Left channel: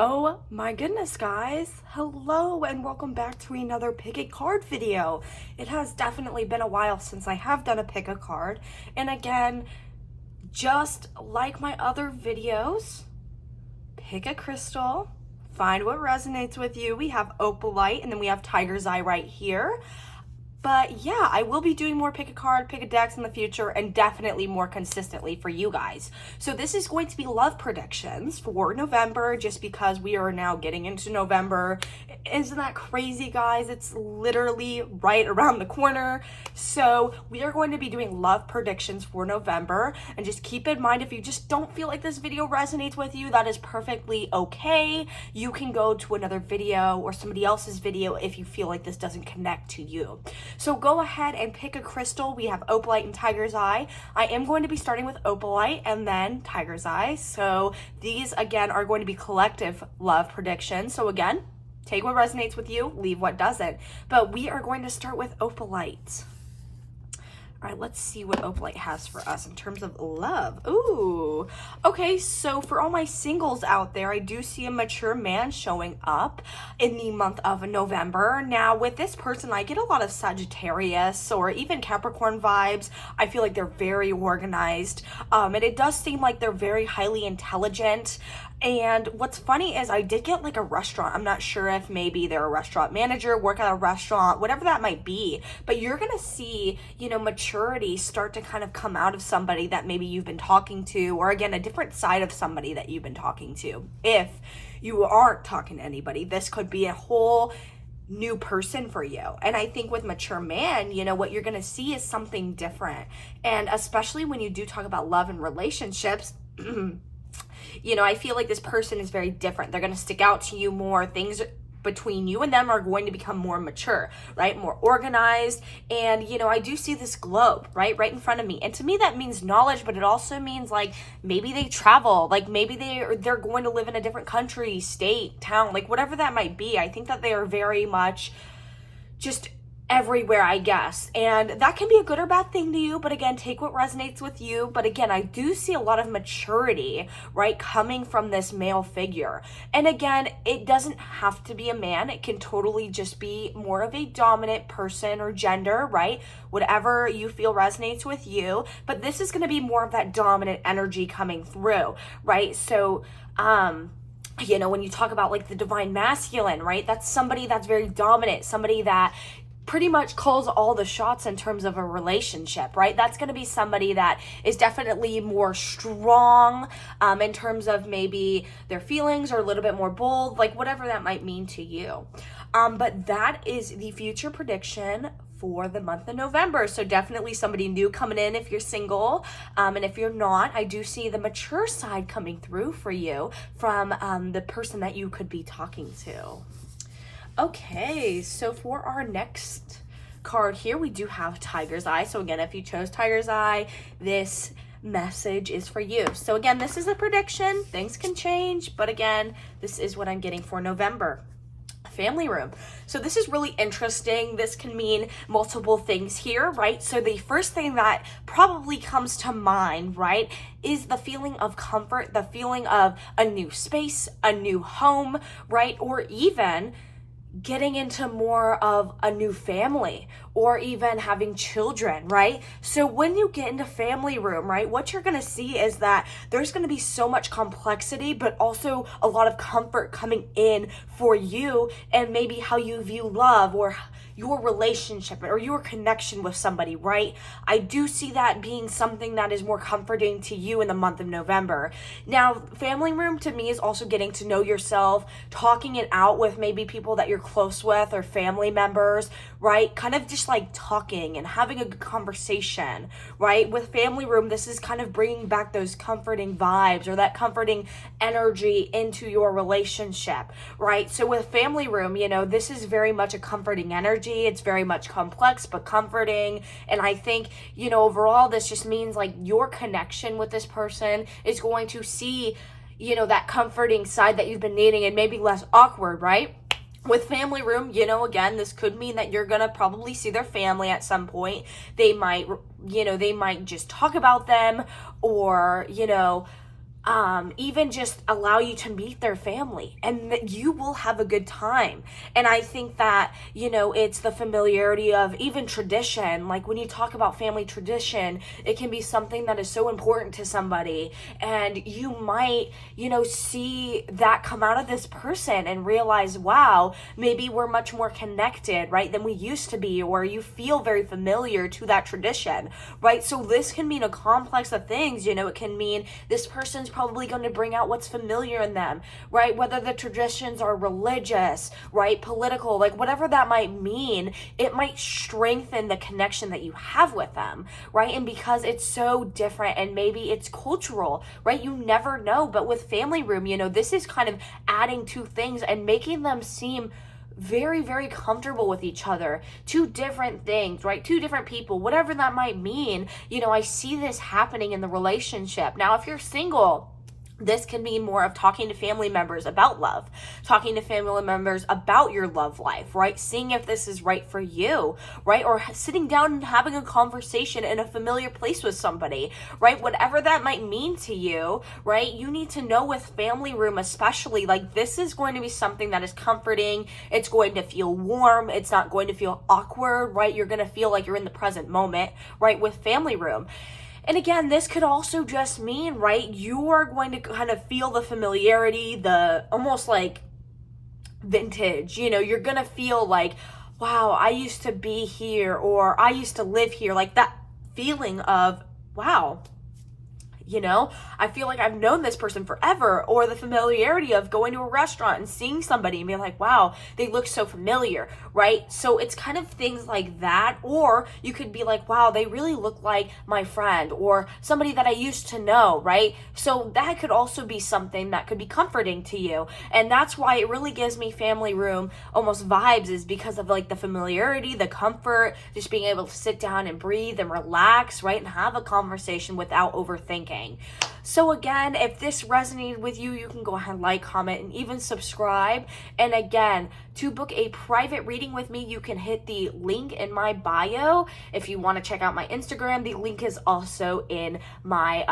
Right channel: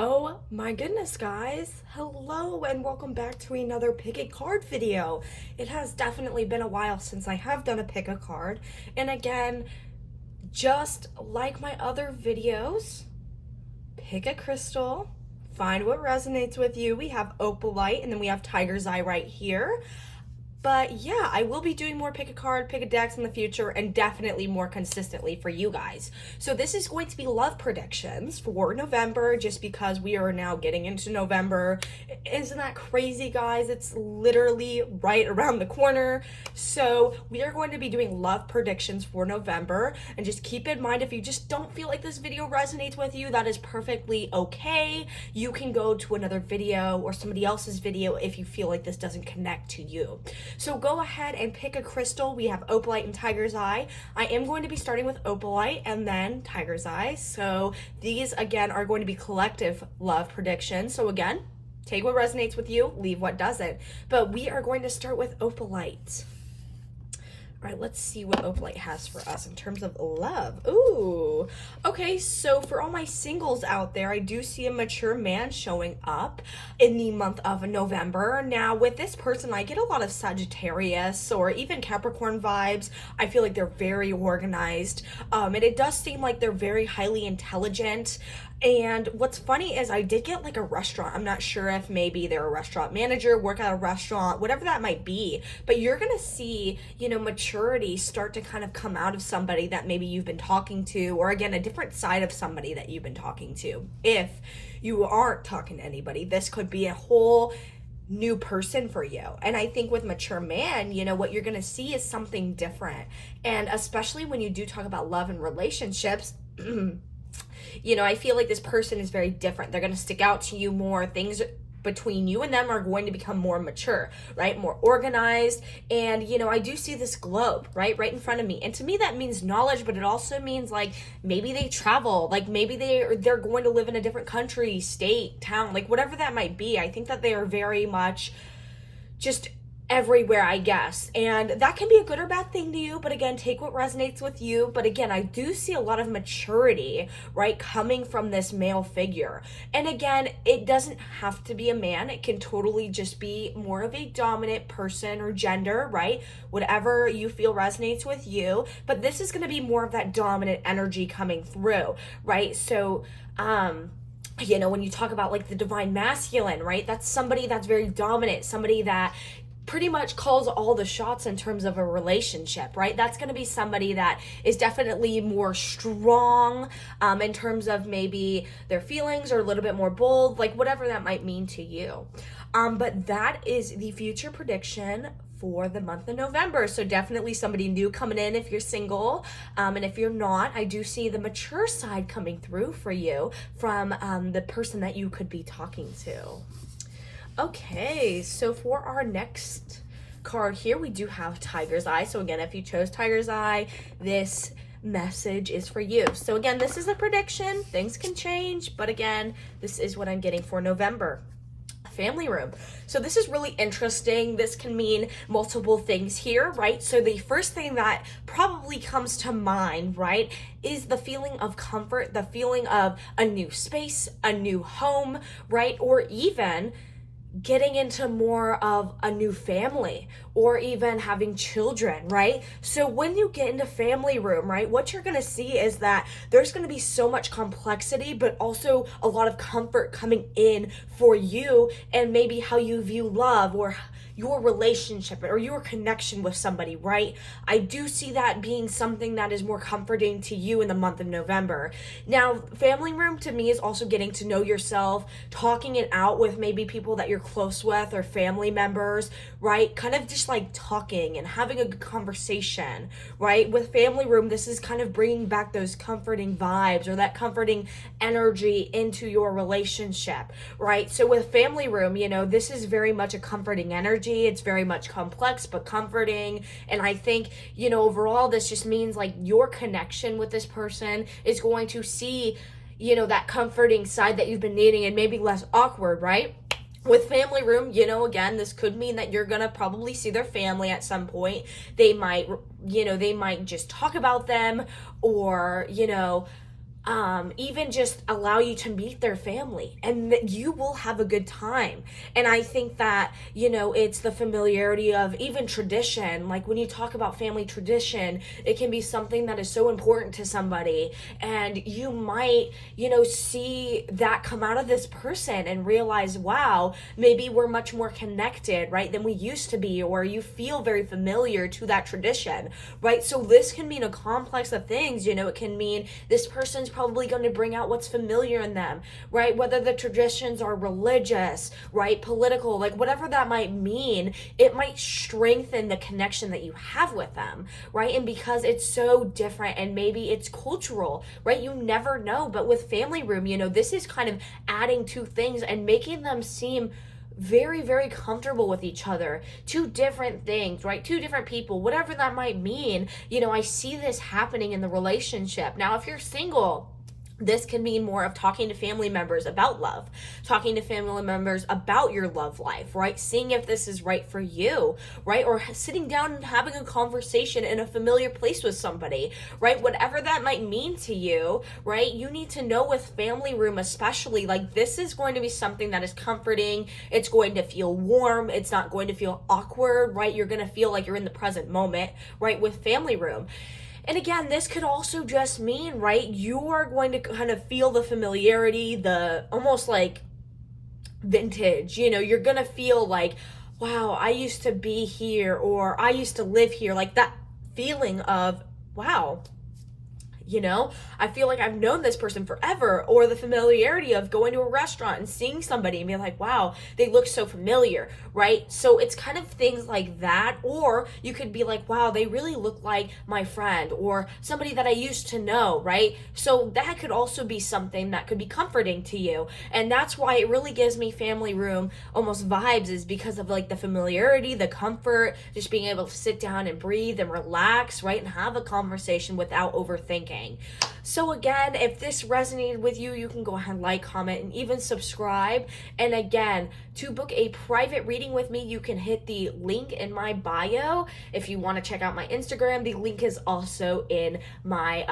Oh my goodness, guys. Hello and welcome back to another pick a card video. It has definitely been a while since I have done a pick a card. And again, just like my other videos, pick a crystal, find what resonates with you. We have opalite and then we have tiger's eye right here. But yeah, I will be doing more pick a card, pick a decks in the future, and definitely more consistently for you guys. So this is going to be love predictions for November, just because we are now getting into November. Isn't that crazy, guys? It's literally right around the corner. So we are going to be doing love predictions for November. And just keep in mind, if you just don't feel like this video resonates with you, that is perfectly okay. You can go to another video or somebody else's video if you feel like this doesn't connect to you. So go ahead and pick a crystal. We have opalite and tiger's eye. I am going to be starting with opalite and then tiger's eye. So these again are going to be collective love predictions. So again, take what resonates with you, leave what doesn't. But we are going to start with opalite. All right, let's see what opalite has for us in terms of love. Ooh, okay, so for all my singles out there, I do see a mature man showing up in the month of November. Now, with this person, I get a lot of Sagittarius or even Capricorn vibes. I feel like they're very organized, and it does seem like they're very highly intelligent. And what's funny is I did get like a restaurant. I'm not sure if maybe they're a restaurant manager, work at a restaurant, whatever that might be. But you're going to see, maturity start to kind of come out of somebody that maybe you've been talking to, or again, a different side of somebody that you've been talking to. If you aren't talking to anybody, this could be a whole new person for you. And I think with mature man, what you're going to see is something different. And especially when you do talk about love and relationships, I feel like this person is very different. They're going to stick out to you more. Things between you and them are going to become more mature, right? More organized. And, I do see this globe, right in front of me. And to me, that means knowledge, but it also means like maybe they travel, like maybe they're going to live in a different country, state, town, like whatever that might be. I think that they are very much just everywhere, I guess. And that can be a good or bad thing to you, but again, take what resonates with you. But again, I do see a lot of maturity, right, coming from this male figure. And again, it doesn't have to be a man. It can totally just be more of a dominant person or gender, right? Whatever you feel resonates with you. But this is going to be more of that dominant energy coming through, right? So, when you talk about like the divine masculine, right? That's somebody that's very dominant, somebody that pretty much calls all the shots in terms of a relationship, right? That's going to be somebody that is definitely more strong in terms of maybe their feelings, or a little bit more bold, like whatever that might mean to you. But that is the future prediction for the month of November. So definitely somebody new coming in if you're single. And if you're not, I do see the mature side coming through for you from the person that you could be talking to. Okay, so for our next card here, we do have Tiger's Eye. So again, if you chose Tiger's Eye, this message is for you. So again, this is a prediction. Things can change, but again, this is what I'm getting for November. Family room. So this is really interesting. This can mean multiple things here, right? So the first thing that probably comes to mind, right, is the feeling of comfort, the feeling of a new space, a new home, right? Or even getting into more of a new family, or even having children, right? So when you get into family room, right, what you're going to see is that there's going to be so much complexity, but also a lot of comfort coming in for you, and maybe how you view love, or your relationship, or your connection with somebody, right? I do see that being something that is more comforting to you in the month of November. Now, family room to me is also getting to know yourself, talking it out with maybe people that you're close with, or family members, right? Kind of just like talking and having a good conversation, right? With family room, this is kind of bringing back those comforting vibes, or that comforting energy into your relationship, right? So with family room, this is very much a comforting energy. It's very much complex, but comforting. And I think, overall, this just means like your connection with this person is going to see, that comforting side that you've been needing, and maybe less awkward, right? With family room, again, this could mean that you're going to probably see their family at some point. They might, they might just talk about them, or, even just allow you to meet their family, and that you will have a good time. And I think that, you know, it's the familiarity of even tradition. Like when you talk about family tradition, it can be something that is so important to somebody, and you might, you know, see that come out of this person and realize, wow, maybe we're much more connected, right, than we used to be, or you feel very familiar to that tradition, right? So this can mean a complex of things. You know, it can mean this person's probably going to bring out what's familiar in them, right? Whether the traditions are religious, right, political, like whatever that might mean, it might strengthen the connection that you have with them, right? And because it's so different, and maybe it's cultural, right? You never know. But with family room, you know, this is kind of adding two things and making them seem very, very comfortable with each other. Two different things, right? Two different people, whatever that might mean. You know, I see this happening in the relationship. Now, if you're single, this can mean more of talking to family members about love, talking to family members about your love life, right? Seeing if this is right for you, right? Or sitting down and having a conversation in a familiar place with somebody, right? Whatever that might mean to you, right? You need to know with family room, especially, like this is going to be something that is comforting. It's going to feel warm. It's not going to feel awkward, right? You're going to feel like you're in the present moment, right? With family room. And again, this could also just mean, right, you are going to kind of feel the familiarity, the almost like vintage, you know, you're going to feel like, wow, I used to be here, or I used to live here, like that feeling of, wow, you know, I feel like I've known this person forever. Or the familiarity of going to a restaurant and seeing somebody and being like, wow, they look so familiar, right? So it's kind of things like that. Or you could be like, wow, they really look like my friend or somebody that I used to know, right? So that could also be something that could be comforting to you. And that's why it really gives me family room almost vibes, is because of like the familiarity, the comfort, just being able to sit down and breathe and relax, right? And have a conversation without overthinking. So again, if this resonated with you, you can go ahead and like, comment, and even subscribe. And again, to book a private reading with me, you can hit the link in my bio. If you want to check out my Instagram, the link is also in my,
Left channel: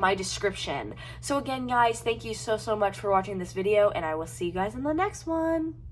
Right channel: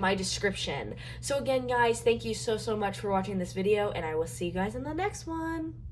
my description. So again, guys, thank you so much for watching this video, and I will see you guys in the next one.